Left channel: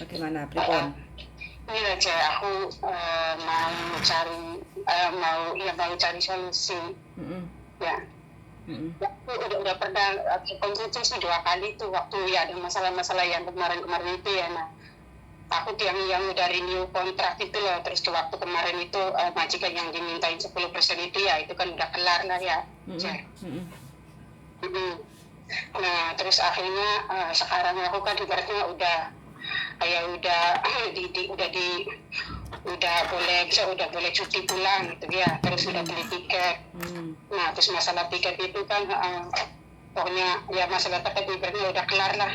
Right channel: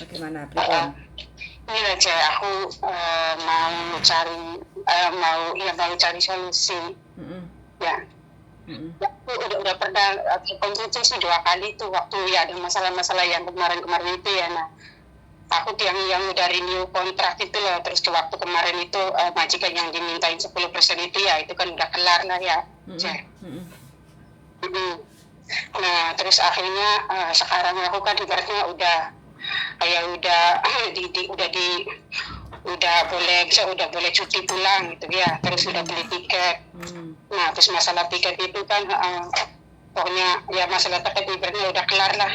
Bagaimana, pripun? Ini aja aku mau cari solusi. Mhm. Ya, Mhm. aku udah pernah konsultasi sih 2 kali tuh waktu ya ada masalah-masalah yang kemarin-kemarin itu ya. Nah, takut yang udah renew kontrak itu loh, terus ke waktu kemarin itu majikan yang dimintain 10% itu ya, itu kan udah kelar lah ya. Mhm. Mhm. Mm-mm. Nah, terus akhirnya sekarang aku kan ibaratnya udah kayak udah udah boleh cuti pulang gitu ya, terus udah beli tiket. Nah, terus masalah tiket itu kan pokoknya ya masalah tiket ibaratnya udah kelar lah.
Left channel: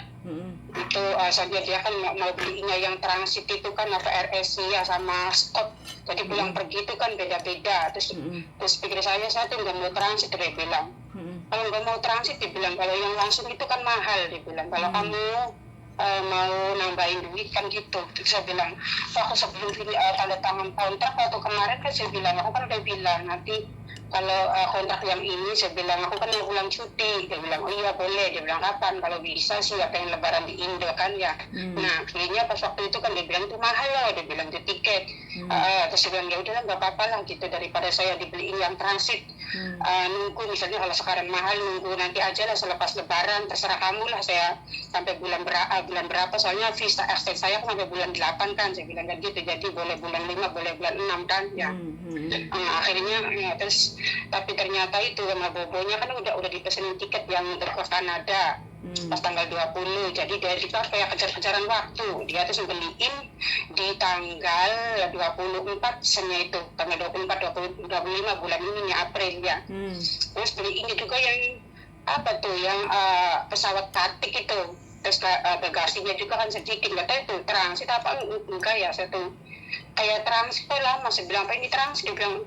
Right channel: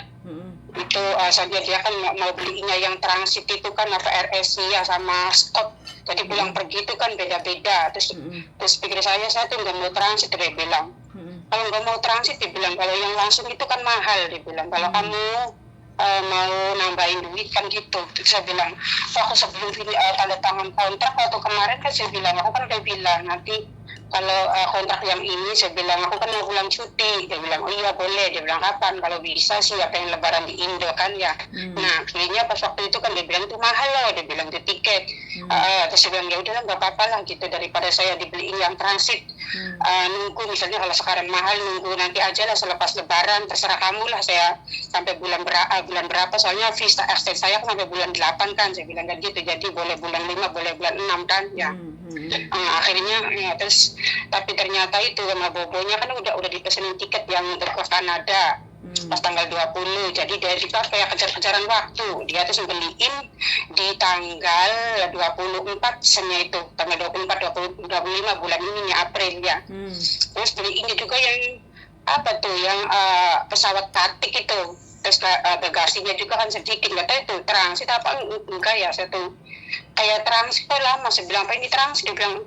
Itu soalnya dia kan mau belinya yang transit itu kan apa RSI ya sama stop, jadi pulang pergi itu kan beda-beda. Terus pikir saya tuh nggak mau transit, dia bilang kalau nggak mau transit, dia bilang kalau yang langsung itu kan mahal, dia bilang kalau kamu mau nambahin duit kan gitu. Terus saya bilang aku sebelum tanda tangan kontrak waktu kemarin kan saya bilang aku kan udah bilang nanti kalau kontrak yang ini, saya bilang aku kan mau pulang cuti. Dia bilang oh iya boleh, dia bilang kapan, kalau bisa sih apa yang lebaran di Indo kan ya. Nah akhirnya pas waktu itu kan dia bilang itu mahal loh, dia bilang di tiket. Terus saya bilang ya udah nggak apa-apa lah gitu, daripada saya dibeliin yang transit. Nunggu misalnya kalau sekarang mahal, nunggu nanti aja lah selepas lebaran, terserah kamu lah, saya sampai bulan berapa soalnya visa extend saya kan sampai bulan 8 kan, saya bilang kan gitu, jadi boleh bulan 5 boleh bulan 6 kan ya. Akhirnya ya, terus tapi ternyata itu sama bobonya kan udah dipesenin tiket yang untuk ke Kanada pas tanggal 20, jadi dari situ kayak kejar-kejaran waktu, dia tuh beliin di tanggal 24 sebenarnya itu tanggal 24 25 bulan ini April ya. Terus beliin juga yang apa tuh yang pesawat batik itu, terus bagasinya juga kan sedikit, nggak tahu itu transit apa enggak ya. Saya tuh kayak transit kok lama, saya bilang apa ini transit, dia bilang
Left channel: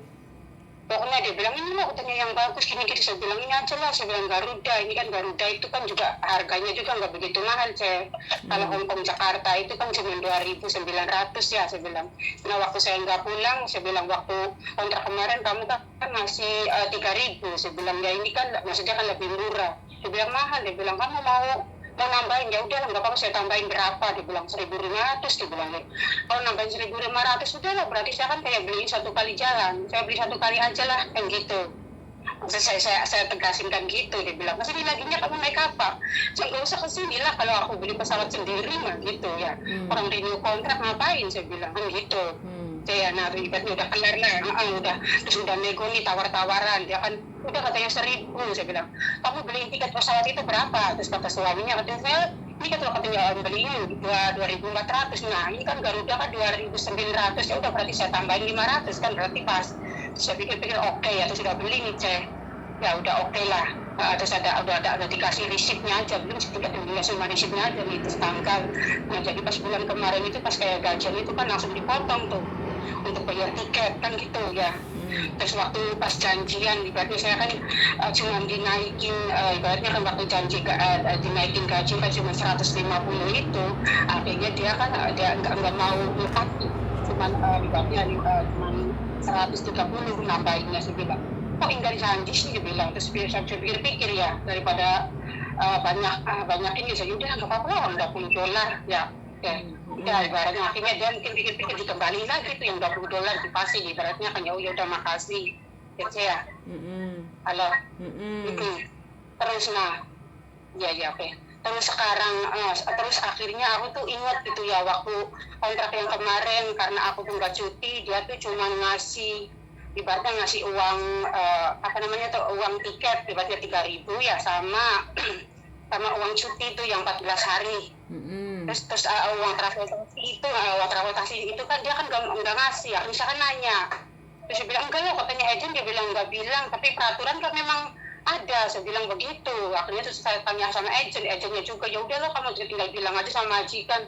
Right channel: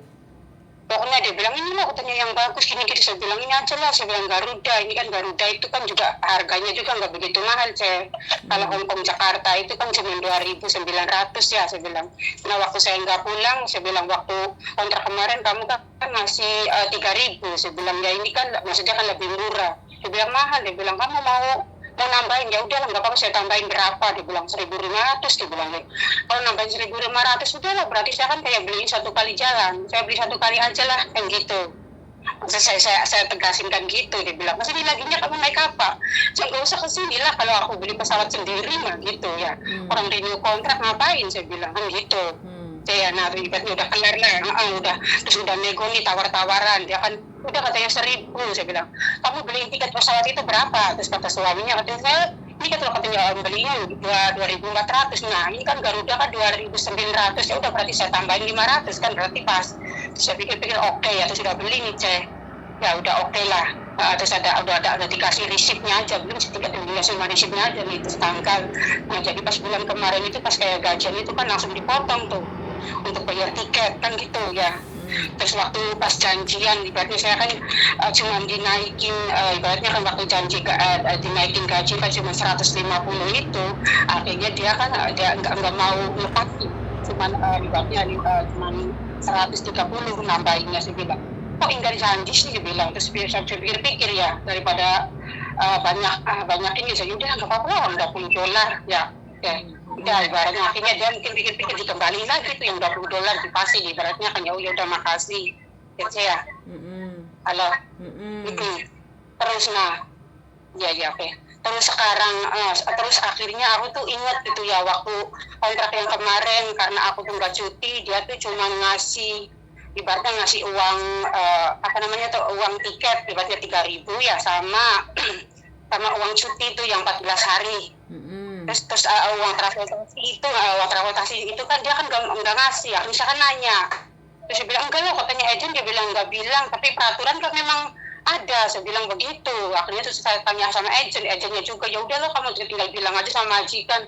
pokoknya dia bilang ini lah katanya yang bagus gini-gini. Saya bilang ini aja lah, saya bilang Garuda, ini kan Garuda itu kan juga harganya juga nggak begitu mahal saya. Kalau Hongkong Jakarta itu kan cuma 2.900 ya, saya bilang. Nah waktu saya nggak pulang, saya bilang waktu kontrak kemarin kamu kan masih 3.000, saya bilang ya ini kan maksudnya kan lebih murah. Dia bilang mahal, dia bilang kamu mau nambahin, ya udah lah nggak apa-apa, saya tambahin berapa, dia bilang 1.500, dia bilang kalau nambahin 1.500 udah lah, berarti saya kan kayak beli satu kali jalan, saya beli satu kali aja lah kan gitu. Maksudnya saya tegasin kan gitu, dia bilang masa ini laginya kamu naik apa, saya nggak usah kesini lah kalau aku beli pesawat sendiri mah gitu ya. Orang renew kontrak ngapain, saya bilang kan gitu. Saya ribetnya udah kelar lah, udah terus udah nego nih tawar-tawaran, dia kan udah katanya 1.000, saya bilang kamu beli tiket pesawat itu berapa, terus kata suaminya katanya saya ini kan kalau katanya belinya 2.400, nah ini kan Garuda kan 2.900, ya udah berarti saya tambahin 500 kan berarti pas. Terus saya pikir-pikir oke ya, terus sudah beli nih cek, ya udah oke lah. Terus udah dikasih resipnya aja, belum tiket yang cuma resipnya aja nih, terus tanggal. Nah jadi pas bulan kemarin itu pas kayak gajian itu kan langsung dipotong tuh untuk bayar tiket kan gitu ya. Terus waktu pas janjian ibaratnya saya kan cuma dinaikin ibaratnya kan waktu janji dinaikin gaji kan cuma 150 itu, akhirnya dia kan dia nggak mau lepas tuh, cuma ibaratnya cuma 130 nambahinnya. Saya bilang kok enggak janji sih, dia bilang. Terus saya pikir-pikir ya daripada banyak ini, saya udah nggak apa-apa lah, $20 ya. Ya ibaratnya akhirnya dia mungkin pikir-pikir dikembaliin lagi tuh yang $20 dikasih, ibaratnya kan ya udah makasih ya saya. Halo. Terus nah ya oke. Terus sekarang terus akhirnya aku tuh ingat gitu ya waktu kontrak yang kemarin, karena aku tuh nggak cuti, dia tuh cuma ngasih ibaratnya ngasih uang apa namanya tuh uang tiket ibaratnya 3.000 ya, sama uang cuti itu yang 14 hari. Terus uang transportasi itu kan dia kan nggak ngasih ya, misalkan nanya. Terus saya bilang enggak loh, katanya agent, dia bilang nggak bilang, tapi peraturan kan memang ada, saya bilang begitu. Akhirnya terus saya tanya sama agentnya juga, ya udah loh kamu tinggal bilang aja sama majikan.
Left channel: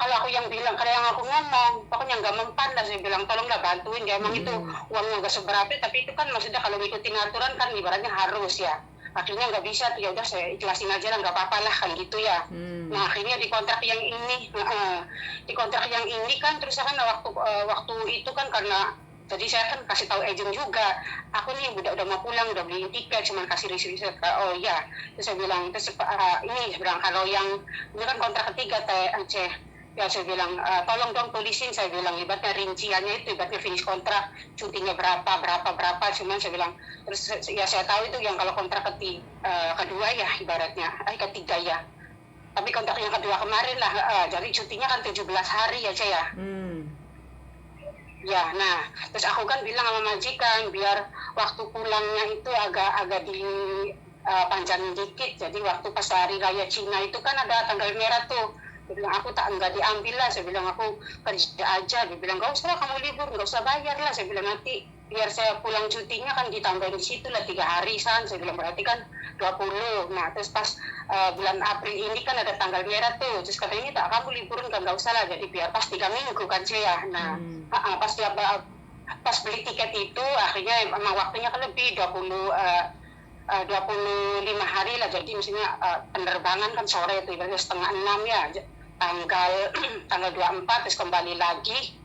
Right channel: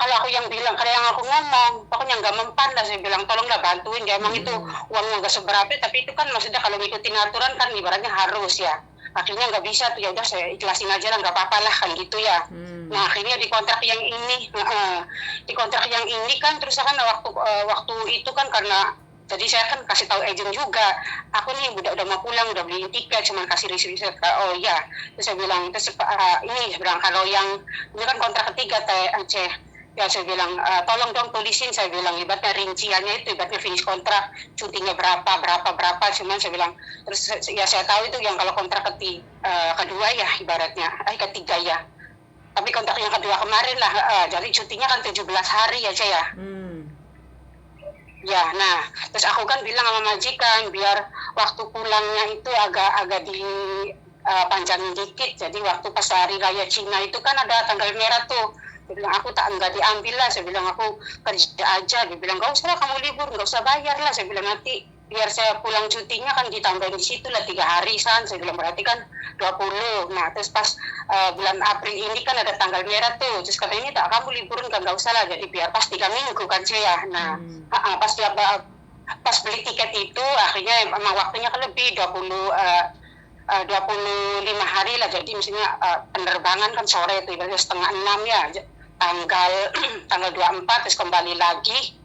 Kalau aku yang bilang, kalau yang aku ngomong, pokoknya nggak mempan lah, saya bilang tolonglah bantuin ya, emang itu uangnya nggak seberapa, tapi itu kan maksudnya kalau ngikutin aturan kan ibaratnya harus ya. Akhirnya nggak bisa tuh, ya udah saya ikhlasin aja lah, nggak apa-apa lah kan gitu ya. Nah akhirnya di kontrak yang ini kan terus kan waktu itu kan karena tadi saya kan kasih tahu agent juga, aku nih udah mau pulang, udah beli tiket, cuma kasih receipt. Oh iya, terus saya bilang terus ini bilang kalau yang ini kan kontrak ketiga teh Aceh, Ya saya bilang, tolong dong tulisin, saya bilang, ibaratnya rinciannya itu, ibaratnya finish kontrak, cutinya berapa, cuman saya bilang, terus ya saya tahu itu yang kalau kontrak kedua ya, ibaratnya, ketiga ya. Tapi kontrak yang kedua kemarin lah, jadi cutinya kan 17 hari ya, saya. Ya, nah, terus aku kan bilang sama majikan, biar waktu pulangnya itu agak di panjangin dikit, jadi waktu pas hari raya Cina itu kan ada tanggal merah tuh. Dia bilang, aku nggak diambil lah, saya bilang aku kerja aja, dia bilang nggak usah lah kamu libur, nggak usah bayar lah, saya bilang nanti biar saya pulang cutinya kan ditambahin di situ lah 3 hari san, saya bilang berarti kan 20. Nah terus pas bulan April ini kan ada tanggal merah tuh, terus katanya tak kamu liburin kan nggak usah lah, jadi biar pas 3 minggu kan saya. Nah pas beli tiket itu akhirnya emang waktunya kan lebih 25 hari lah, jadi misalnya penerbangan kan sore itu ibaratnya 5:30 ya, tanggal 24 terus kembali lagi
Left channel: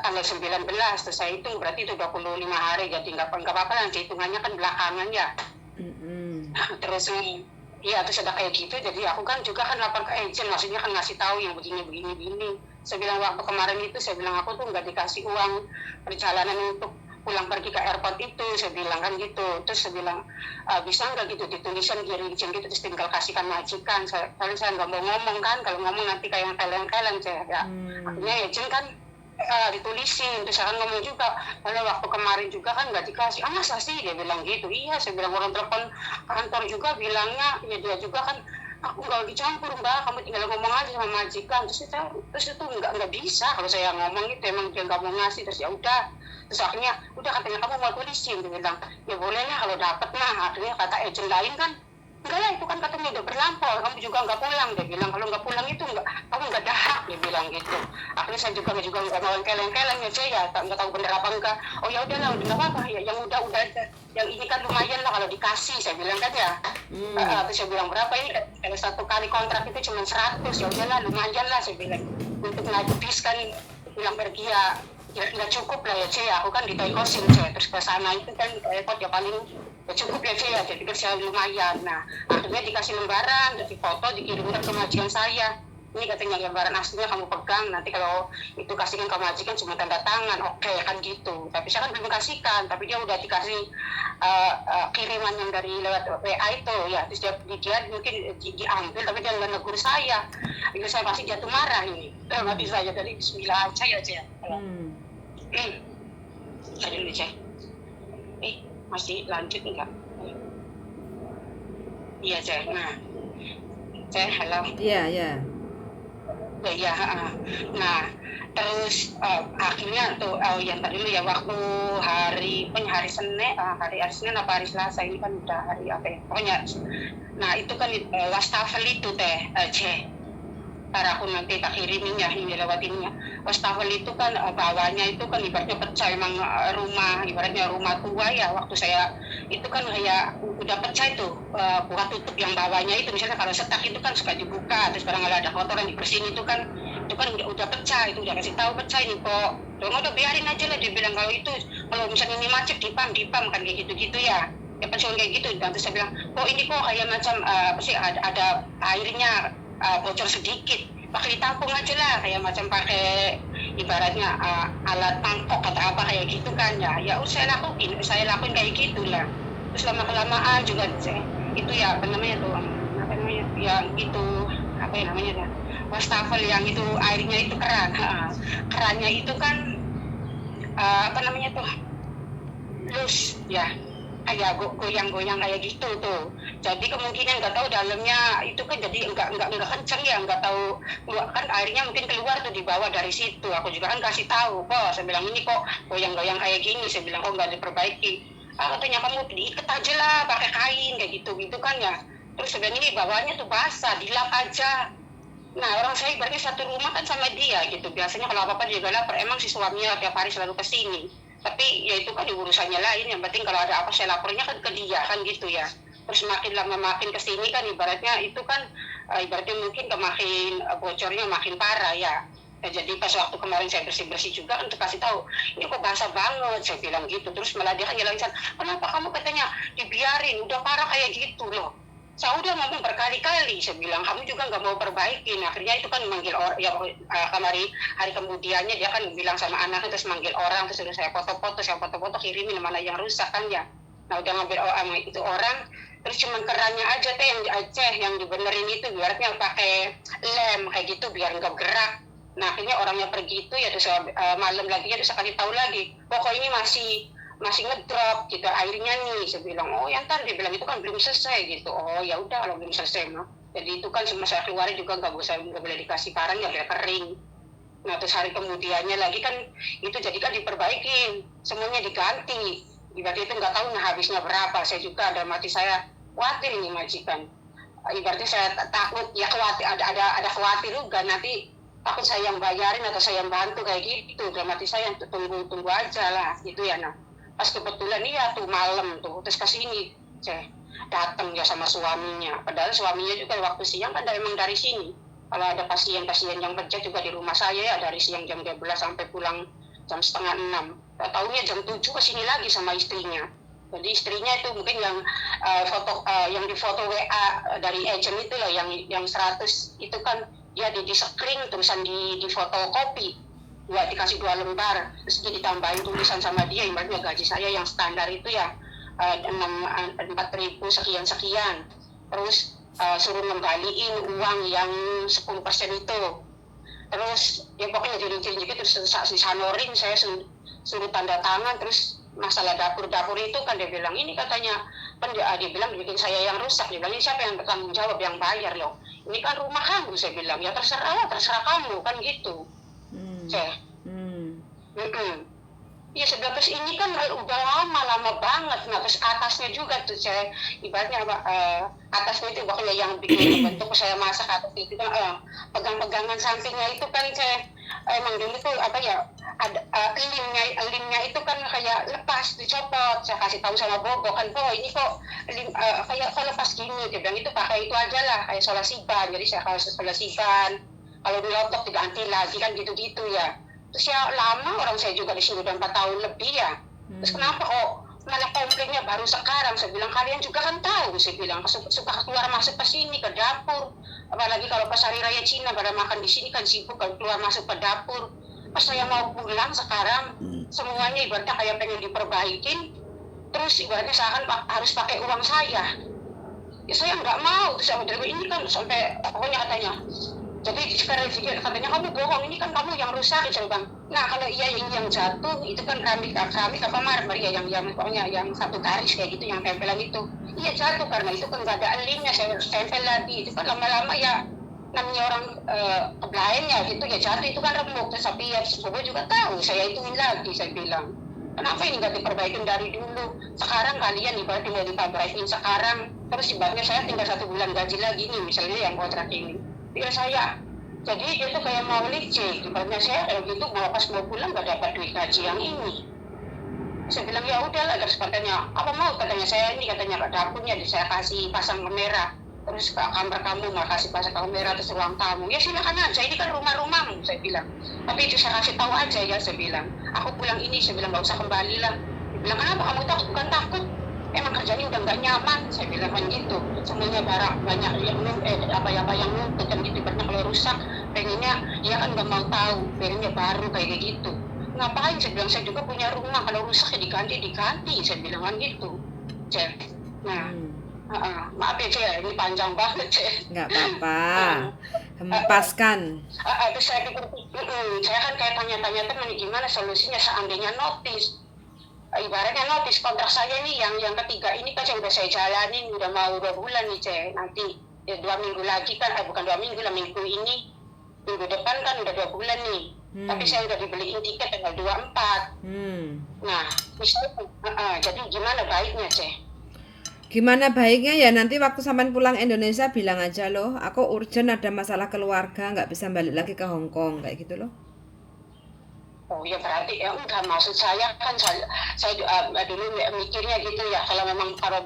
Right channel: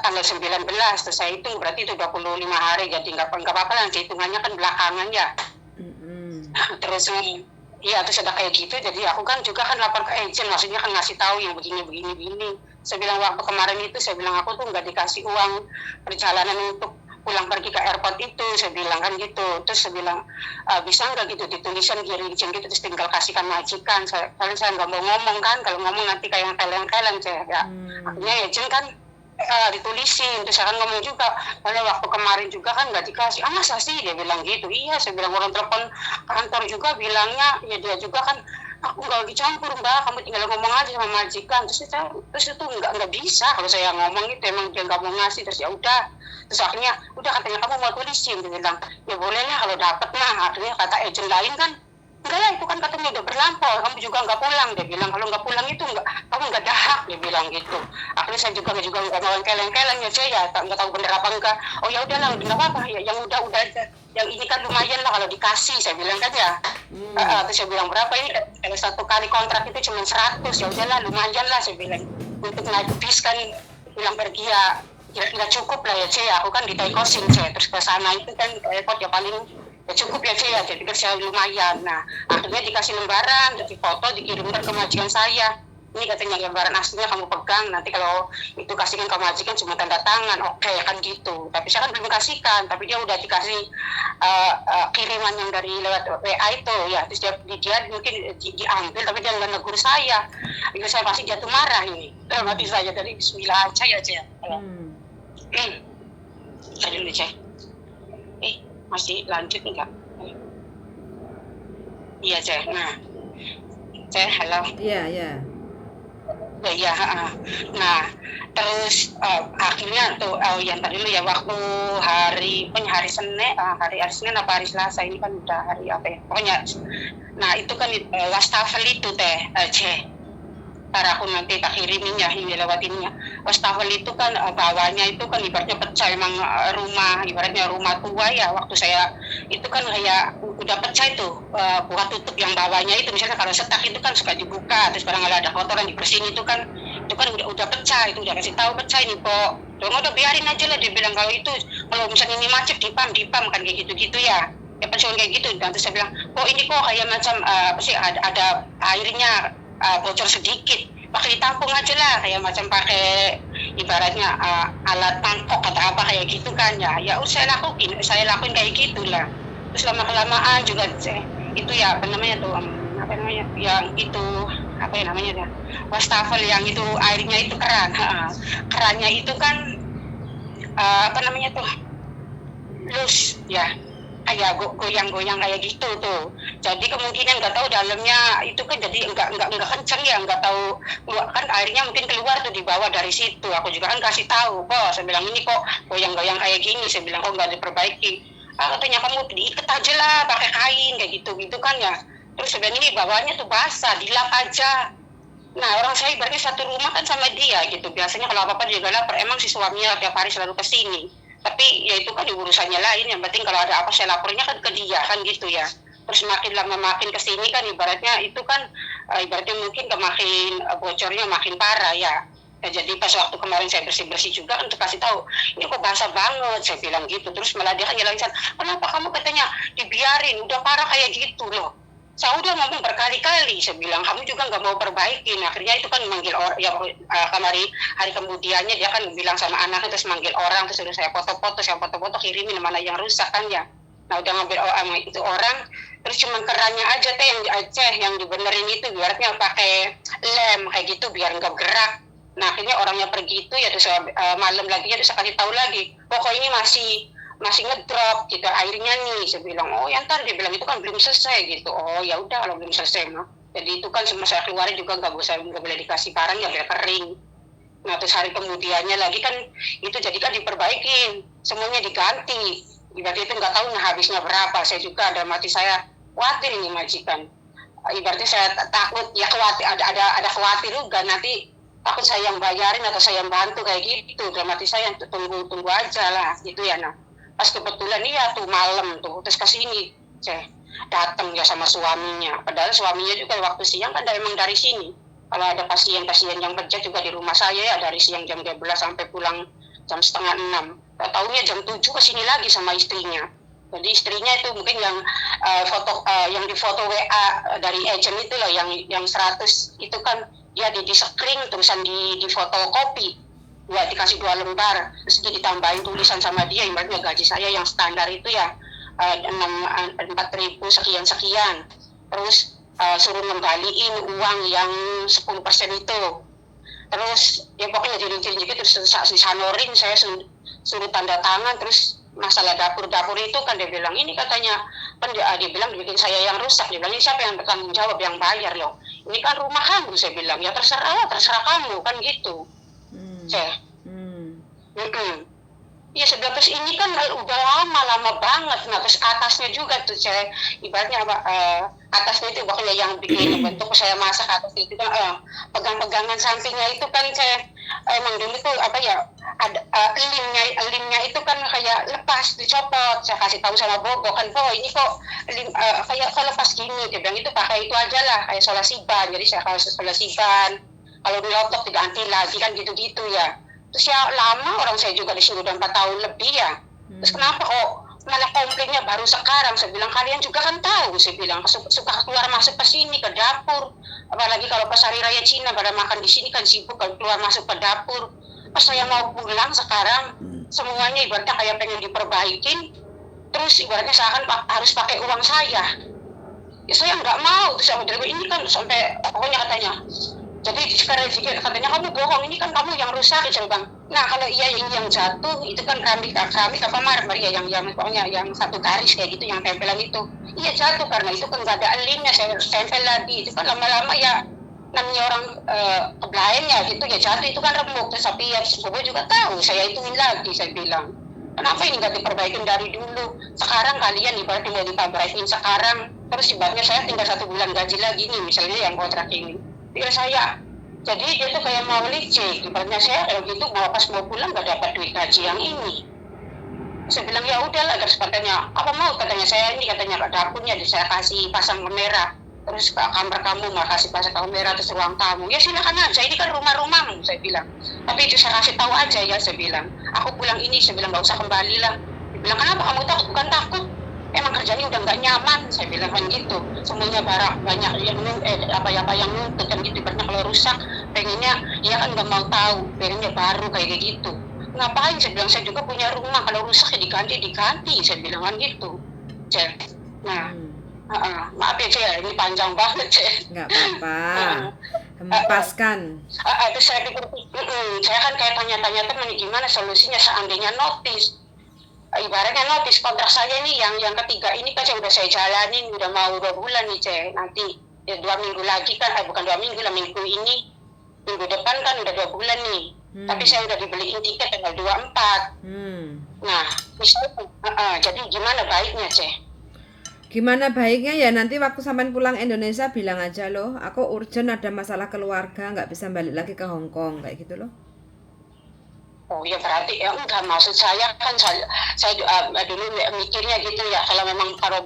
tanggal 19, terus saya hitung berarti itu 25 hari, jadi nggak apa-apa nanti hitungannya kan belakangan ya. Terus ya terus ada kayak gitu, jadi aku kan juga kan lapor ke agent, maksudnya kan ngasih tahu yang begini. Saya bilang waktu kemarin itu, saya bilang aku tuh nggak dikasih uang perjalanan untuk pulang pergi ke airport itu, saya bilang kan gitu. Terus saya bilang bisa nggak gitu ditulisan izin gitu, terus tinggal kasihkan majikan. Saya nggak mau ngomong kan, kalau ngomong nanti kayak yang kalian saya ya. Akhirnya agent kan ditulisin, terus saya kan ngomong juga, karena waktu kemarin juga kan nggak dikasih, masa sih, dia bilang gitu. Iya, saya bilang orang telepon kantor juga bilangnya, ya dia juga kan, aku nggak dicampur mbak, kamu tinggal ngomong aja sama majikan. Terus itu nggak bisa kalau saya ngomong itu, emang dia nggak mau ngasih, terus ya udah. Terus akhirnya udah katanya kamu mau tulisin, dia bilang ya boleh lah kalau dapet lah. Akhirnya kata agent lain kan, enggak lah itu kan katanya udah berlampau, kamu juga nggak pulang, dia bilang kalau nggak pulang itu kamu nggak dahak, dia bilang gitu. Akhirnya saya juga nggak mau keleng-keleng ya, saya nggak tahu bener apa enggak. Oh ya udahlah, udah apa ya, yang udah aja, yang ini kan lumayan lah kalau dikasih, saya bilang kan ya. Terus saya bilang berapa ini, satu kali kontrak itu cuma 100, ya udahlah lumayan lah, saya bilang untuk naik bis kan pulang pergi ya nggak cukup lah ya, saya aku kan ditaikosin saya, terus ke sana itu kan repot ya, paling ya cukup ya saya, jadi kan saya lumayan. Nah akhirnya dikasih lembaran, jadi foto dikirimkan ke majikan saya, ini katanya lembaran aslinya kamu pegang, nanti kalau itu kasihkan ke majikan cuma tanda tangan, oke kan gitu. Tapi saya kan belum kasihkan, tapi dia udah dikasih kiriman yang dari lewat WA itu ya, terus dia mungkin diambil, tapi dia nggak negur saya. Itu saya pasti jatuh marah ini, mati saya dari bismillah aja ya cek. Tadi nih cek, masih lanjut enggak? Iya cek, nah cek halo. Iya. Ya, nah terus akhirnya tuh yang tadi lu ya, waktu hari Senin, hari Senin apa hari Selasa ini kan udah hari apa ya pokoknya. Nah itu kan wastafel itu ntar aku nanti tak kirimin ya, ini lewatinnya. Wastafel itu kan bawahnya itu kan ibaratnya pecah, emang ibaratnya rumah tua ya. Waktu saya itu kan kayak udah pecah itu, bukan tutup yang bawahnya itu, misalnya kalau setak itu kan suka dibuka, terus kalau ada kotoran dibersihin itu kan udah pecah, itu udah kasih tahu pecah ini kok. Dong udah biarin aja lah, dia bilang kalau misalnya ini macet dipam kan kayak gitu ya. Ya pas kayak gitu, dan terus saya bilang kok ini kok kayak macam ada airnya bocor sedikit, pakai ditampung aja lah, kayak macam pakai ibaratnya alat mangkok atau apa kayak gitu kan ya saya lakuin kayak gitulah. Terus lama-kelamaan juga itu ya apa namanya yang itu apa ya namanya wastafel yang itu airnya itu kerannya itu kan apa namanya tuh lus ya, kayak goyang-goyang kayak gitu tuh. Jadi kemungkinan nggak tahu dalamnya itu kan jadi nggak kencang ya, nggak tahu kan airnya mungkin keluar tuh di bawah dari situ. Aku juga kan kasih tahu, bos, saya bilang ini kok goyang-goyang kayak gini, saya bilang kok nggak diperbaiki. Katanya kamu diikat aja lah pakai kain kayak gitu kan ya. Terus sebenarnya bawahnya tuh basah, dilap aja. Nah orang saya berarti satu rumah kan sama dia gitu, biasanya kalau apa-apa dia lapor, emang si suaminya tiap hari selalu kesini. Tapi ya itu kan urusannya lain, yang penting kalau ada apa saya lapornya kan ke dia kan gitu ya. Terus makin lama makin kesini kan ibaratnya itu kan ibaratnya mungkin makin bocornya makin parah ya. Jadi pas waktu kemarin saya bersih juga untuk kasih tahu, ini kok basah banget, saya bilang gitu. Terus malah dia kan nyalain, kenapa kamu katanya dibiarin, udah parah kayak gitu loh. Saya udah ngomong berkali-kali, saya bilang kamu juga nggak mau perbaikin. Akhirnya itu kan manggil orang, ya hari kemudiannya dia kan bilang sama anaknya, terus manggil orang, terus suruh saya foto-foto kirimin mana yang rusak kan ya. Nah udah ngambil orang itu orang, terus cuma kerannya aja teh yang dibenerin itu, biarnya pakai lem kayak gitu biar nggak gerak. Nah akhirnya orangnya pergi itu ya, terus malam lagi ya, terus saya kasih tahu lagi, pokoknya masih ngedrop gitu airnya nih. Saya bilang oh ya ntar, dia bilang itu kan belum selesai gitu. Oh ya udah kalau belum selesai mah, jadi itu kan semua saya keluarin juga nggak boleh dikasih barang ya biar kering. Nah terus hari kemudiannya lagi kan itu jadi kan diperbaikin, semuanya diganti. Ibaratnya itu nggak tahu nah habisnya berapa. Saya juga ada mati saya khawatir ini majikan. Ibaratnya saya takut ya, khawatir ada khawatir juga nanti takut saya yang bayarin atau saya yang bantu kayak gitu. Dalam hati saya tunggu aja lah gitu ya. Nah pas kebetulan iya tuh malam tuh terus kesini saya datang ya sama suaminya, padahal suaminya juga waktu siang kan emang dari sini. Kalau ada pasien-pasien yang kerja juga di rumah saya ya dari siang jam 12 sampai pulang jam setengah 6. Tahunya jam 7 kesini lagi sama istrinya. Jadi istrinya itu mungkin yang yang di foto WA dari agent itu lah, yang 100 itu kan dia di screen tulisan di fotokopi buat dikasih 2 lembar, terus ditambahin tulisan sama dia, ibaratnya gaji saya yang standar itu ya 4.000 sekian, terus suruh ngembaliin uang yang 10% itu, terus ya pokoknya jadi terus disanorin, saya suruh tanda tangan. Terus masalah dapur itu kan dia bilang ini katanya kan dia bilang bikin saya yang rusak. Dia bilang ini siapa yang bertanggung jawab, yang bayar loh, ini kan rumah kamu. Saya bilang ya terserah kamu kan gitu. Ya sebab terus ini kan udah lama banget. Nah terus atasnya juga tuh saya ibaratnya atasnya itu pokoknya yang bikin bentuk saya masak atas itu kan pegang-pegangan sampingnya itu kan saya emang dulu tuh apa ya ada limnya itu kan kayak lepas dicopot. Saya kasih tahu sama Bobo kan, ini kok kayak lepas gini. Dia bilang itu pakai itu aja lah kayak solasi ban. Jadi saya kasih solasi ban, kalau dilotok diganti lagi kan gitu-gitu ya. Terus ya lama, orang saya juga di sini udah 4 tahun lebih ya. Terus kenapa kok malah komplainnya baru sekarang? Saya bilang kalian juga kan tahu, saya bilang suka keluar masuk ke sini ke dapur. Apalagi kalau pas hari raya Cina pada makan di sini kan sibuk kan keluar masuk ke dapur. Pas saya mau pulang sekarang semuanya ibaratnya kayak pengen diperbaikin. Terus ibaratnya saya kan harus pakai uang saya. Ya saya nggak mau. Terus aku bilang ini kan sampai pokoknya katanya. Jadi sekarang katanya kamu bohong, ini kan kamu yang rusak ya bang. Nah kalau iya ini yang jatuh itu kan keramik apa marmer ya yang pokoknya yang satu garis kayak gitu yang tempelan itu. Iya jatuh karena itu kan nggak ada elimnya, saya tempel lagi. Itu kan lama-lama ya namanya orang kebelain ya gitu ya jatuh itu kan remuk. Terus tapi ya Bobo juga tahu, saya hitungin lagi, saya bilang kenapa ini nggak diperbaikin dari dulu? Sekarang kalian ibaratnya mau diperbaikin sekarang, terus ibaratnya saya tinggal 1 bulan gaji lagi nih misalnya yang kontrak ini. Ya saya, jadi dia tuh kayak mau licik. Ibaratnya saya kayak gitu, pas mau pulang gak dapat duit gaji yang ini. Saya bilang ya udahlah, terus katanya apa mau, katanya saya ini katanya dapurnya saya kasih pasang kamera, terus ke kamar kamu mau kasih pasang kamera, terus ruang tamu ya silakan aja, ini kan rumahmu, saya bilang. Tapi itu saya kasih tahu aja ya, saya bilang aku pulang ini, saya bilang gak usah kembali lah. Dia bilang kenapa kamu takut? Bukan takut, emang kerjanya udah nggak nyaman, saya bilang kan gitu. Semuanya barang banyak yang apa yang nuntut kan gitu. Karena kalau rusak pengennya ya kan nggak mau tahu, pengennya baru kayak gitu. Ngapain, saya bilang saya juga punya rumah, kalau rusak ya diganti, saya bilang kan gitu. Nah maaf ya Cek, ini panjang banget Cek. Nggak apa-apa, hempaskan. Terus saya pikir saya kan kayak tanya-tanya teman gimana solusinya seandainya notis. Ibaratnya notis kontrak saya nih yang ketiga ini kan udah saya jalanin udah mau 2 bulan nih Cek. Nanti ya 2 minggu lagi kan, bukan 2 minggu lah, minggu ini, minggu depan kan udah 2 bulan nih. Tapi saya udah dibeliin tiket tanggal 24. Nah jadi gimana baiknya Cek? Gimana baiknya ya nanti waktu sampean pulang Indonesia bilang aja loh, aku urgent ada masalah keluarga, nggak bisa balik lagi ke Hong Kong kayak gitu loh. Oh ya berarti ya enggak, maksud saya kan saya dulu mikirnya gitu ya, kalau memang kalau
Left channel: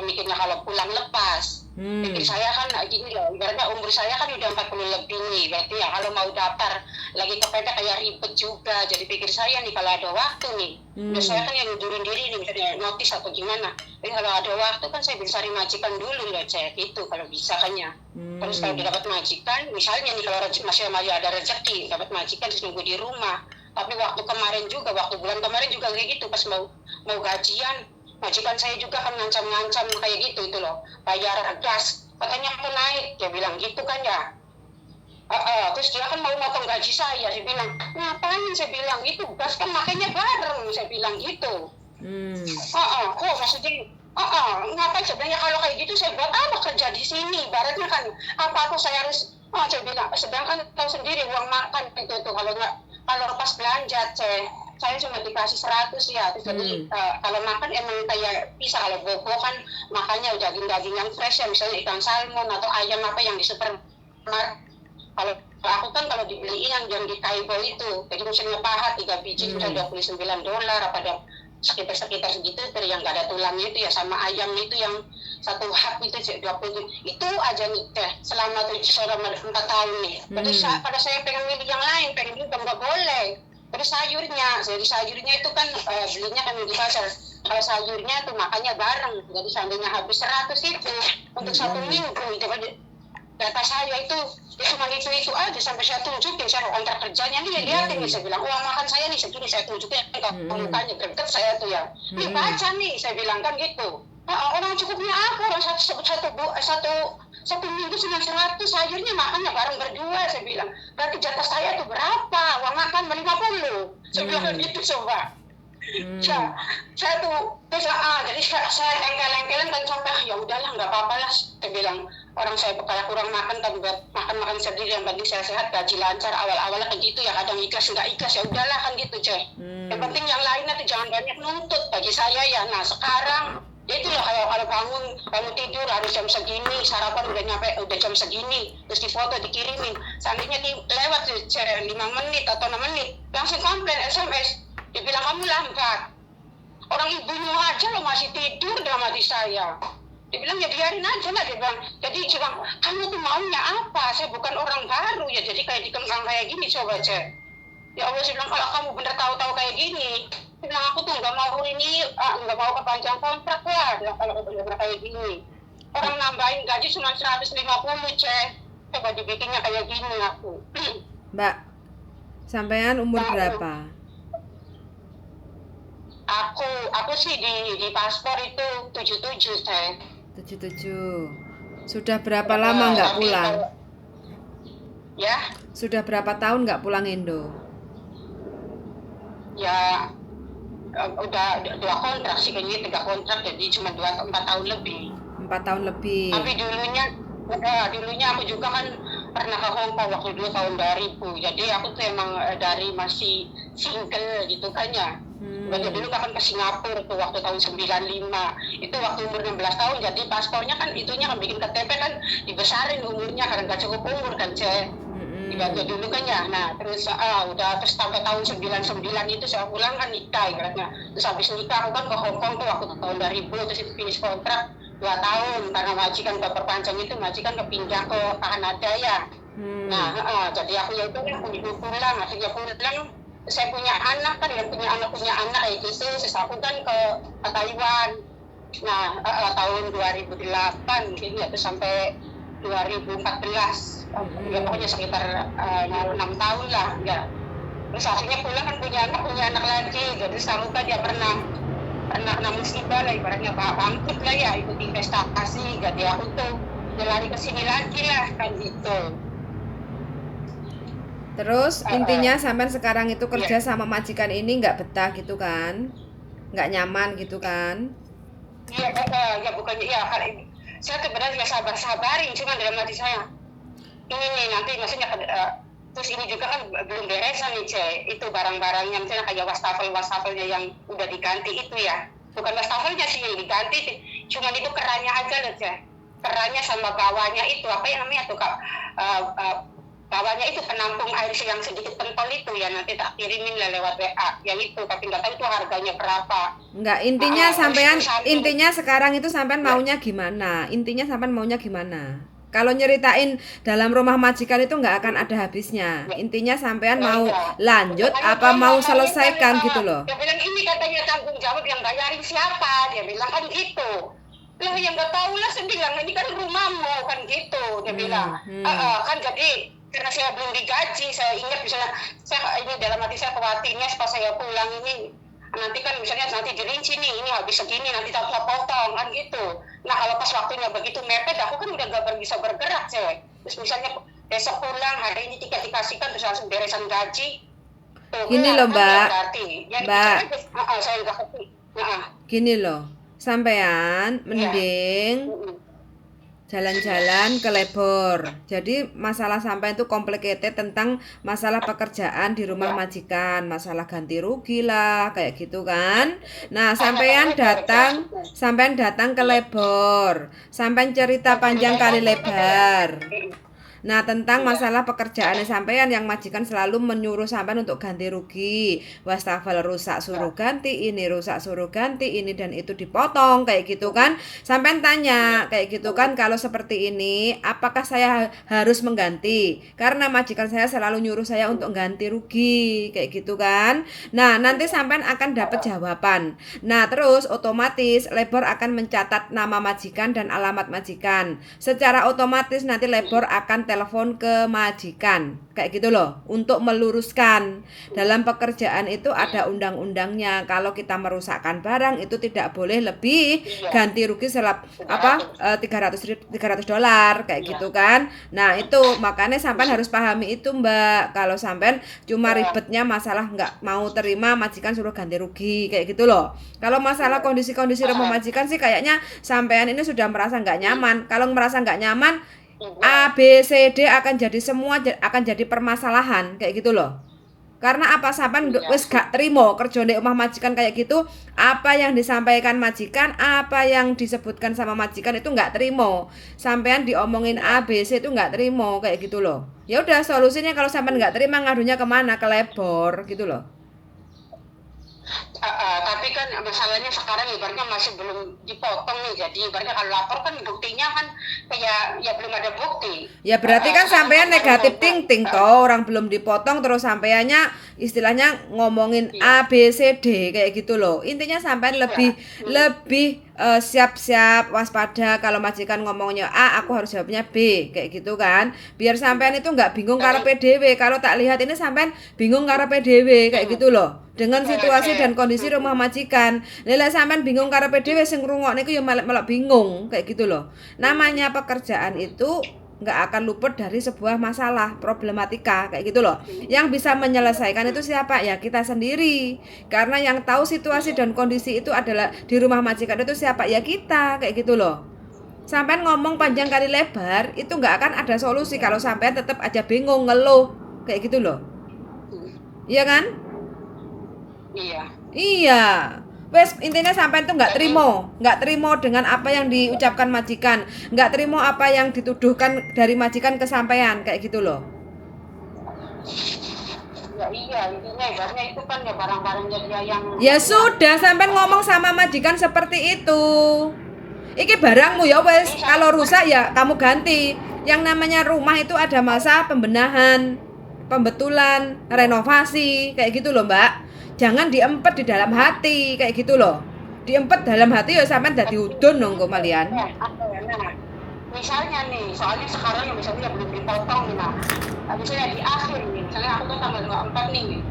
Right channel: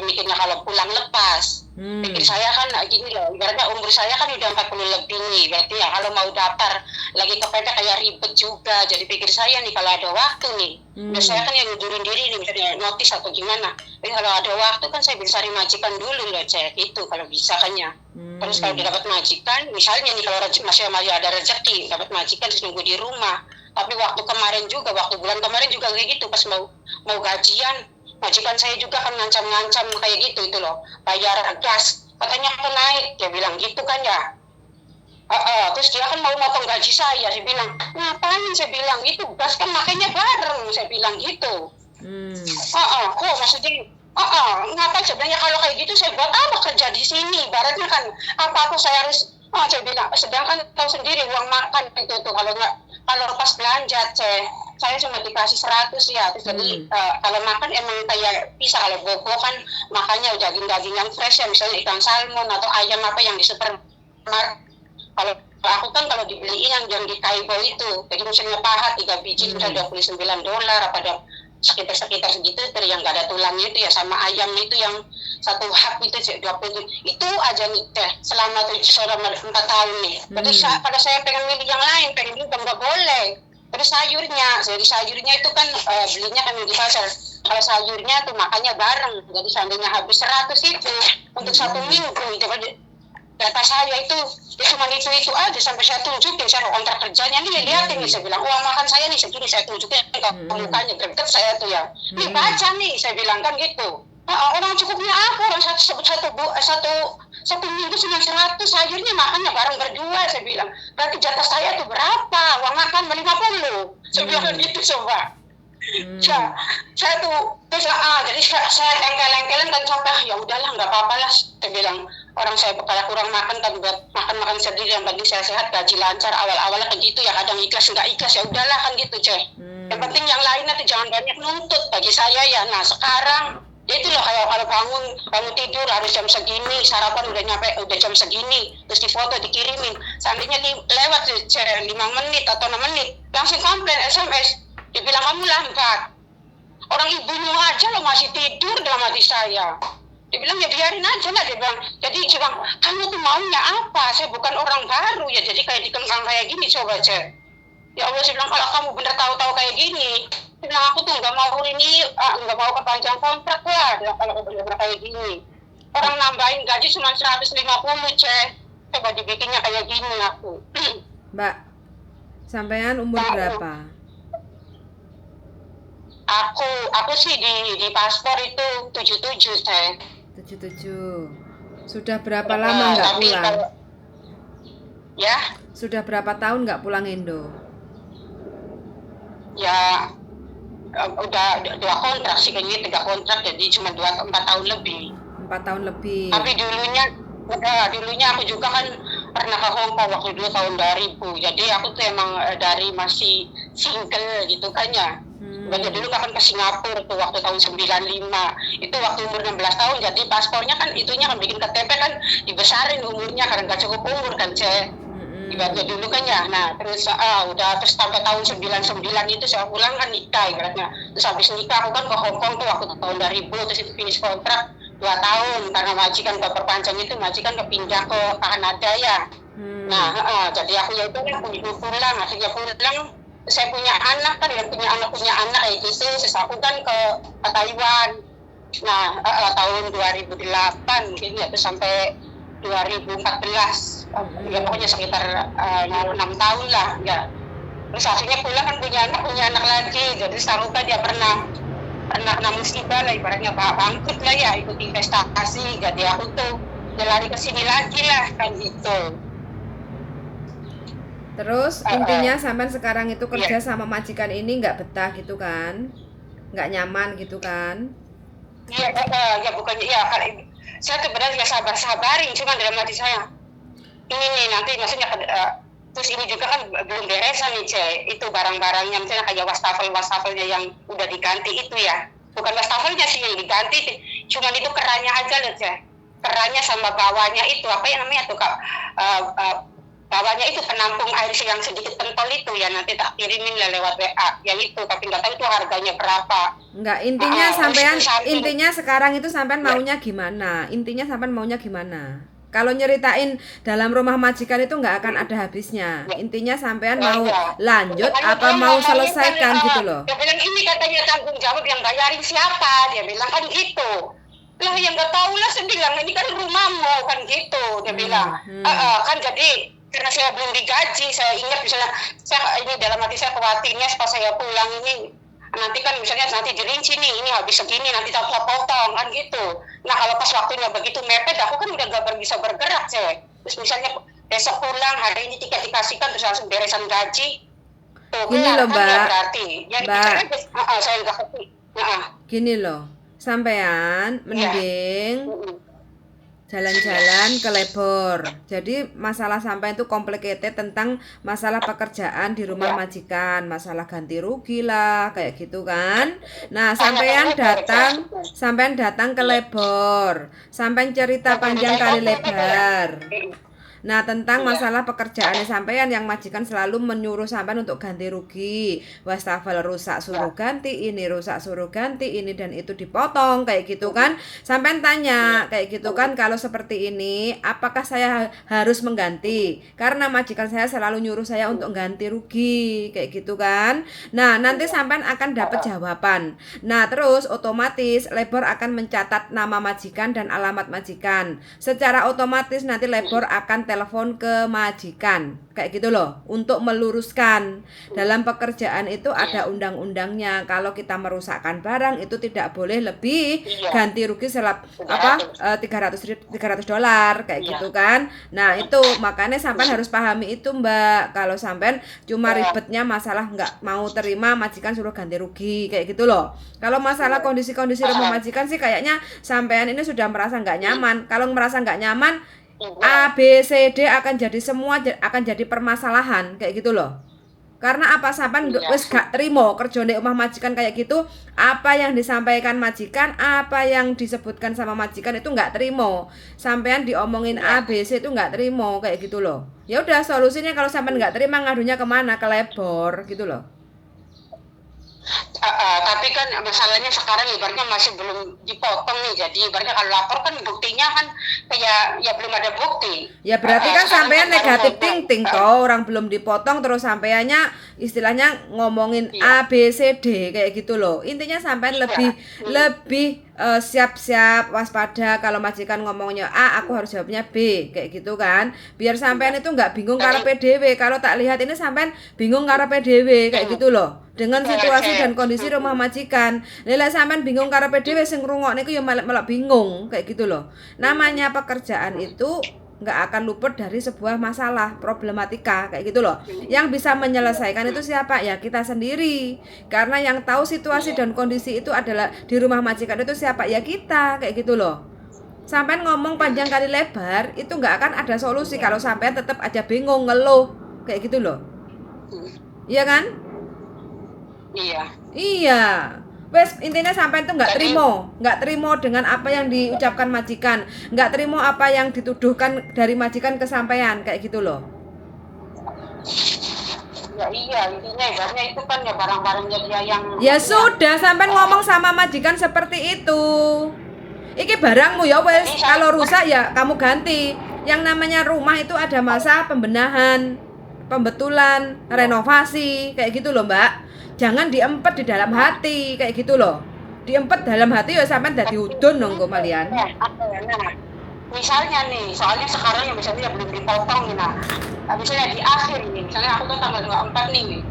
mikirnya kalau pulang lepas. Pikir saya kan gini loh, ibaratnya umur saya kan udah 40 lebih nih, berarti ya kalau mau daftar lagi kepepet kayak ribet juga. Jadi pikir saya nih kalau ada waktu nih, saya kan yang ngundurin diri nih, misalnya notis atau gimana. Tapi kalau ada waktu kan saya bisa cari majikan dulu loh, saya gitu kalau bisa kan ya. Terus kalau dapat majikan, misalnya nih kalau masih ada rezeki dapat majikan terus nunggu di rumah. Tapi waktu kemarin juga, waktu bulan kemarin juga kayak gitu, pas mau gajian, majikan saya juga kan ngancam-ngancam kayak gitu itu loh, bayar gas katanya akan naik, dia bilang gitu kan ya. Terus dia kan mau motong gaji saya bilang ngapain, saya bilang itu gas kan makanya bareng, saya bilang gitu. Kok maksudnya ngapain sebenarnya kalau kayak gitu, saya buat apa kerja di sini, ibaratnya kan apa aku saya harus, saya bilang sedangkan tahu sendiri uang makan itu tuh kalau pas belanja saya cuma dikasih 100 ya, terus jadi kalau makan emang kayak bisa, kalau bobo kan makanya daging-daging yang fresh ya, misalnya ikan salmon atau ayam apa yang di supermarket. Kalau aku kan kalau dibeliin yang di Taibo itu, jadi misalnya pahat 3 biji sudah $29, apa ada sekitar segitu, dari yang gak ada tulangnya itu ya, sama ayam itu yang satu hak itu 20 itu aja nih selama 4 tahun nih. Terus pada saya pengen milih yang lain, pengen milih nggak boleh. Terus sayurnya itu kan belinya kan di pasar. Kalau sayurnya tuh makanya bareng, jadi seandainya habis 100 itu untuk 1 minggu itu data saya itu ya cuma itu aja sampai saya tunjukin saya kontrak kerjanya nih, lihatin nih, saya bilang uang makan saya nih segini, saya tunjukin ke mukanya greget saya tuh ya, nih baca nih, saya bilang kan gitu. Orang cukupnya apa, orang satu minggu cuma 100, sayurnya makannya bareng berdua, saya bilang berarti jatah saya tuh berapa, uang makan 50, saya bilang gitu coba. Saya tuh terus jadi saya engkel-engkelan dan coba ya udahlah nggak apa-apa lah, saya bilang orang saya kayak kurang makan kan buat makan sendiri, yang penting saya sehat, gaji lancar, awal-awalnya kan gitu ya, kadang ikhlas nggak ikhlas ya udahlah kan gitu yang penting yang lainnya tuh jangan banyak nuntut bagi saya ya. Nah sekarang ya itu loh, kayak kalau bangun tidur harus jam segini, sarapan udah jam segini, terus difoto dikirimin, seandainya lewat 5 menit atau 6 menit langsung komplain SMS, dia bilang kamu lambat, orang ibunya aja lo masih tidur dalam hati saya. Dia bilang ya biarin aja lah, dia bilang jadi cuma kamu tuh maunya apa, saya bukan orang baru ya, jadi kayak dikengkang kayak gini coba ya Allah, saya bilang kalau kamu bener tahu kayak gini, dia bilang aku tuh nggak mau ini, nggak mau perpanjang kontrak lah kalau bener kayak gini, orang nambahin gaji cuma 150 coba dibikinnya kayak gini aku. Mbak, sampean umur berapa? Aku sih di paspor itu 77 77. Sudah berapa lama nggak pulang? Ya. Sudah berapa tahun nggak pulang Indo? Ya udah 2 kontrak sih kayaknya, 3 kontrak, jadi cuma 4 tahun lebih. 4 tahun lebih. Tapi dulunya aku juga kan pernah ke Hong Kong waktu dulu tahun 2000. Jadi aku tuh emang dari masih single gitu kan ya. Waktu dulu kan ke Singapura tuh waktu tahun 95. Itu waktu umur 16 tahun, jadi paspornya kan itunya kan bikin KTP kan dibesarin umurnya karena gak cukup umur kan Waktu dulu kan ya. Nah terus terus sampai tahun 99 itu saya pulang kan nikah ibaratnya. Terus habis nikah aku kan ke Hong Kong tuh waktu tahun 2000, terus itu finish kontrak 2 tahun karena majikan perpanjang itu, majikan kepindah ke Kanada ya. Nah jadi aku ya udah pulang, akhirnya pulang. Saya punya anak kan, punya anak gitu, terus aku kan ke Taiwan. Nah tahun 2008 mungkin ya, terus sampai 2014 ya pokoknya sekitar 6 tahun lah ya. Terus akhirnya pulang kan punya anak lagi, jadi aku kan dia pernah musibah lah ibaratnya, bangkrut lah ya, ikut investasi, jadi aku tuh lari ke sini lagi lah kan gitu. Terus intinya sampai sekarang itu kerja sama majikan ini nggak betah gitu kan, nggak nyaman gitu kan? Iya ya bukannya ya, saya sebenarnya sabarin, cuma dalam hati saya ini nih nanti maksudnya terus ini juga kan belum beresan nih itu barang-barangnya, misalnya kayak wastafelnya yang udah diganti itu ya, bukan wastafelnya sih yang diganti, cuma itu kerannya aja loh kerannya sama bawahnya itu apa yang namanya tuh bawahnya itu penampung air yang sedikit pentol itu ya, nanti tak kirimin lah lewat WA ya itu, tapi nggak tahu itu harganya berapa. Enggak, intinya sampean intinya sekarang itu sampean maunya gimana? Intinya sampean maunya gimana? Kalau nyeritain dalam rumah majikan itu nggak akan ada habisnya. Intinya sampean mau lanjut apa mau selesaikan gitu loh. Dia bilang ini katanya tanggung jawab yang bayarin siapa? Dia bilang kan gitu. Loh yang nggak tahu lah sendiri, ini kan rumahmu kan gitu. Dia bilang kan jadi karena saya belum digaji, saya ingat misalnya saya ini dalam hati saya khawatirnya pas saya pulang ini nanti kan misalnya nanti dirinci nih ini habis segini nanti tak potong kan gitu. Nah kalau pas waktunya begitu mepet aku kan udah nggak bisa bergerak sih. Terus misalnya besok pulang hari ini tiket dikasihkan terus langsung beresan gaji. Gini loh Mbak, Mbak, saya gini loh, sampean mending jalan-jalan ke Lebor. Jadi masalah sampai itu complicated tentang masalah pekerjaan di rumah majikan, masalah ganti rugi lah, kayak gitu kan. Nah, sampean datang ke Lebor, sampean cerita panjang kali lebar. Nah, tentang masalah pekerjaan sampean yang majikan selalu menyuruh sampean untuk ganti rugi. Wastafel rusak suruh ganti ini, rusak suruh ganti ini dan itu dipotong kayak gitu kan. Sampean tanya kayak gitu kan, kalau seperti ini apakah saya harus mengganti? Karena majikan saya selalu nyuruh saya untuk ganti rugi kayak gitu kan. Nah, nanti sampean akan dapat jawaban. Nah, terus otomatis Lebor akan mencatat nama majikan dan alamat majikan. Secara otomatis nanti Lebor akan telepon ke majikan kayak gitu loh untuk meluruskan. Dalam pekerjaan itu ada undang-undangnya, kalau kita merusakkan barang itu tidak boleh lebih ganti rugi $300 kayak gitu kan. Nah itu makanya sampean harus pahami itu Mbak. Kalau sampean cuma ribetnya masalah nggak mau terima majikan suruh ganti rugi kayak gitu loh. Kalau masalah kondisi-kondisi rumah majikan sih kayaknya sampean ini sudah merasa nggak nyaman. Kalau merasa nggak nyaman, A, B, C, D akan jadi permasalahan kayak gitu loh. Karena apa sampean wis gak terima kerja di rumah majikan kayak gitu, apa yang disampaikan majikan, apa yang disebutkan sama majikan itu nggak terima. Sampean diomongin A, B, C itu nggak terima kayak gitu loh. Ya udah solusinya kalau sampean nggak terima ngadunya kemana? Ke Lebor gitu loh. Tapi kan masalahnya sekarang ibaratnya masih belum dipotong nih, jadi ibaratnya kalau lapor kan buktinya kan kayak ya belum ada bukti. Ya berarti kan sampean negatif thinking toh, orang belum dipotong terus sampeannya istilahnya ngomongin A B C D kayak gitu loh. Intinya sampean lebih siap-siap waspada kalau majikan ngomongnya A, aku harus jawabnya B kayak gitu kan. Biar sampean itu nggak bingung karepe dhewe. Kalau tak lihat ini sampean bingung karepe dhewe kayak gitu loh. Dengan situasi dan kondisi rumah majikan. Lha sampean bingung karepe dhewe sing ngrungokne iku ya malah bingung kayak gitu loh. Namanya pekerjaan itu nggak akan luput dari sebuah masalah, problematika kayak gitu loh. Yang bisa menyelesaikan itu siapa? Ya kita sendiri. Karena yang tahu situasi dan kondisi itu adalah di rumah majikan itu siapa? Ya kita kayak gitu loh. Sampean ngomong panjang kali lebar itu nggak akan ada solusi kalau sampean tetap aja bingung ngeluh kayak gitu loh. Iya kan? Iya. Wes intinya sampai itu nggak terima dengan apa yang diucapkan majikan, nggak terima apa yang dituduhkan dari majikan ke sampean kayak gitu loh. Ya iya, intinya ibaratnya itu kan ya barang-barangnya dia yang. Ya sudah, sampean ngomong sama majikan seperti itu. Iki barangmu ya wes, kalau rusak ya kamu ganti. Yang namanya rumah itu ada masa pembenahan, pembetulan, renovasi kayak gitu loh Mbak. Jangan diempet di dalam hati kayak gitu loh. Diempet dalam hati ya sampean dadi udun nongko malian. Misalnya nih, soalnya sekarang misalnya belum dipotong nih nah. Misalnya di akhir nih, misalnya aku kan tanggal 24 nih.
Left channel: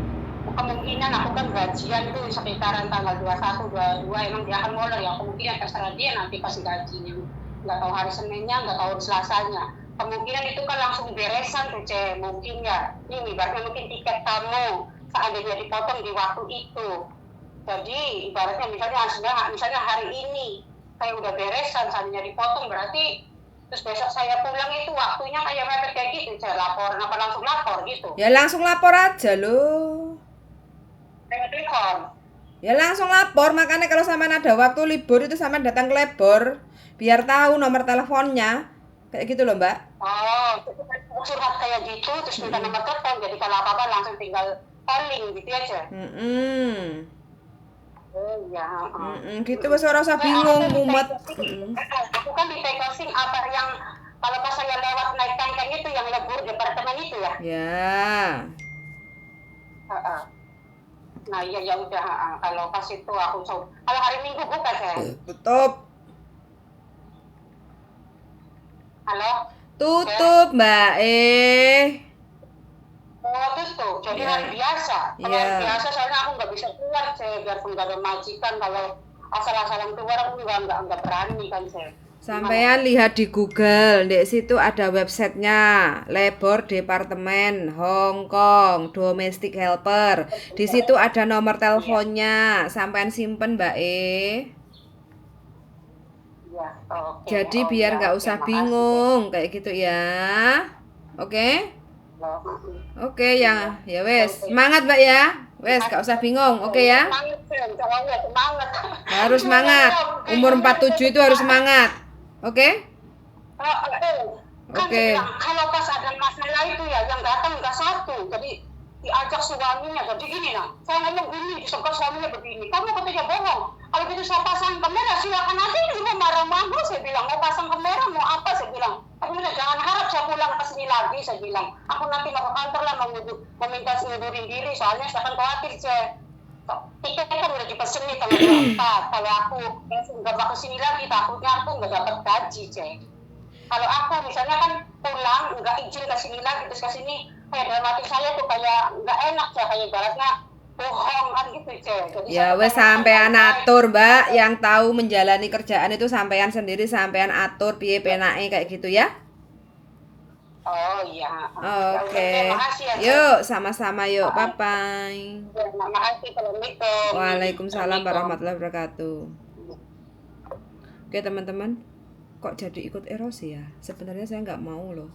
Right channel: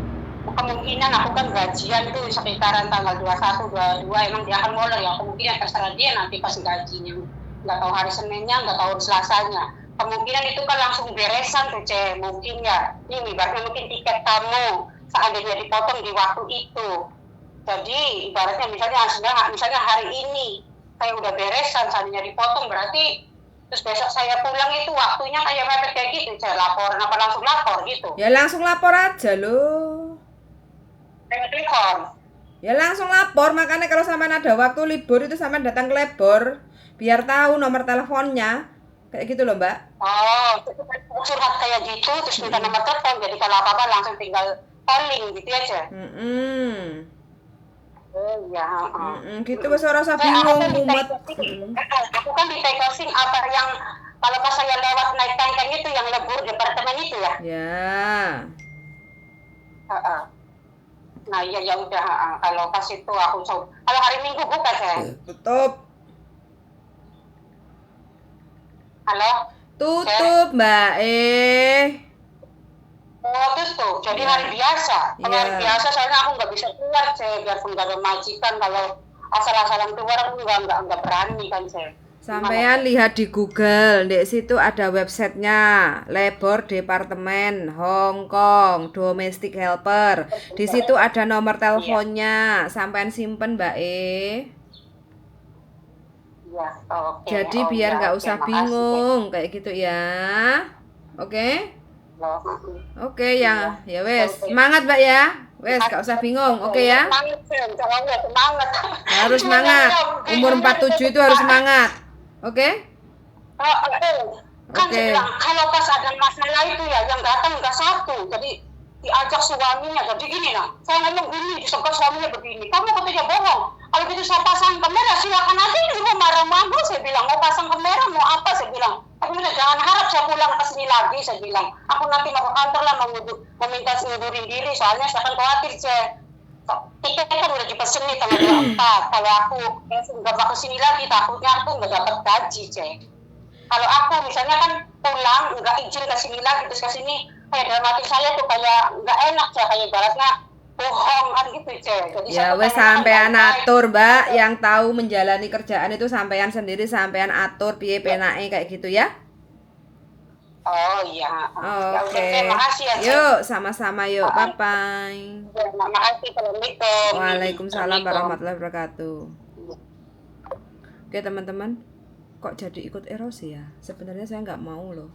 Kemungkinan aku kan gajian tuh sekitaran tanggal 21, 22 emang dia akan mulai ya. Kemungkinan terserah dia nanti pas gajinya. Nggak tahu hari Seninnya, nggak tahu Selasanya. Kemungkinan itu kan langsung beresan tuh cek. Mungkin ya, ini ibaratnya mungkin tiket kamu seandainya dipotong di waktu itu. Jadi ibaratnya misalnya hari ini saya udah beresan seandainya dipotong berarti terus besok saya pulang itu waktunya kayak mepet kayak gitu. Saya laporan apa langsung lapor gitu. Ya langsung lapor aja loh. Telepon. Ya langsung lapor, makanya kalau sampean ada waktu libur itu sampean datang ke Lebor biar tahu nomor teleponnya. Kayak gitu loh Mbak. Oh, curhat kayak gitu terus minta nomor telepon jadi kalau apa-apa langsung tinggal calling gitu aja. Oh iya. Gitu wis ora usah bingung mumet. Aku kan di take apa yang Kalau pas saya lewat naik tangga itu yang lebur departemen itu ya. Ya. Nah ya ya udah, kalau pas itu aku kalau hari Minggu buka saya. Tutup. Halo. Tutup Mbak Oh tutup, jadi Ya. hari biasa. Kalau Ya. hari biasa soalnya aku nggak bisa keluar saya, biarpun nggak ada majikan, kalau asal-asalan keluar aku nggak berani kan saya. Sampean lihat di Google, di situ ada websitenya, Labor Departemen Hong Kong Domestic Helper. Di situ ada nomor teleponnya, sampean simpen Mbak Ya, oke. Jadi biar nggak usah bingung kayak gitu ya. Oke? Oke ya, ya wes. Semangat Mbak ya. Wes, nggak usah bingung. Oke ya? Harus semangat. Umur 47 itu harus semangat. Oke? Oke. Kalau pas ada masalah itu ya yang datang nggak satu, jadi diajak suaminya, jadi gini saya ngomong gini, disebut suaminya begini, kamu ketika bohong, kalau gitu saya pasang kamera silakan aja, di rumah marah-marah, saya bilang mau pasang kamera mau apa, saya bilang, tapi udah jangan harap saya pulang ke sini lagi, saya bilang, aku nanti mau ke kantor lah meminta ngundurin diri, soalnya saya akan khawatir tiket kan udah dipesen nih tanggal 24, kalau aku nggak mau kesini lagi takutnya aku nggak dapat gaji kalau aku misalnya kan pulang nggak izin ke sini lagi terus ke sini kayak dalam hati saya tuh kayak nggak enak kayak ibaratnya bohong kan gitu ya wes sampean atur Mbak, yang tahu menjalani kerjaan itu sampean sendiri, sampean atur piye penake kayak gitu ya. Oh iya. Oke. Yuk sama-sama yuk. Bye bye. Waalaikumsalam warahmatullahi wabarakatuh. Oke teman-teman, kok jadi ikut erosi ya? Sebenarnya saya nggak mau loh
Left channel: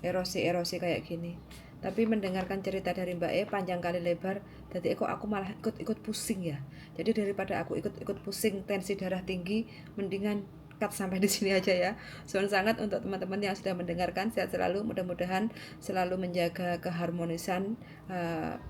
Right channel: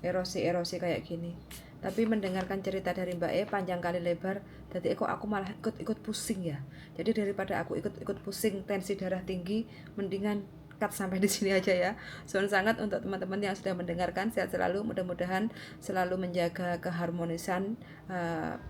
erosi kayak gini. Tapi mendengarkan cerita dari Mbak panjang kali lebar, jadi kok aku malah ikut pusing ya. Jadi daripada aku ikut pusing, tensi darah tinggi, mendingan cut sampai di sini aja ya. Soal sangat untuk teman-teman yang sudah mendengarkan, sehat selalu, mudah-mudahan selalu menjaga keharmonisan,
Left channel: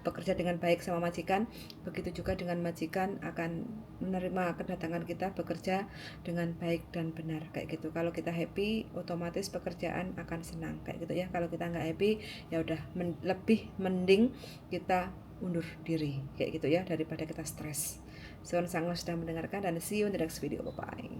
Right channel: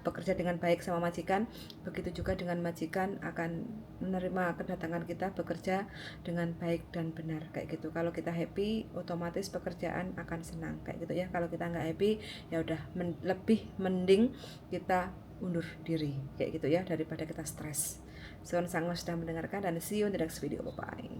bekerja dengan baik sama majikan. Begitu juga dengan majikan akan menerima kedatangan kita bekerja dengan baik dan benar kayak gitu. Kalau kita happy, otomatis pekerjaan akan senang kayak gitu ya. Kalau kita nggak happy, ya udah lebih mending kita undur diri kayak gitu ya, daripada kita stres. Soal sangat sudah mendengarkan dan see you in the next video. Bye bye.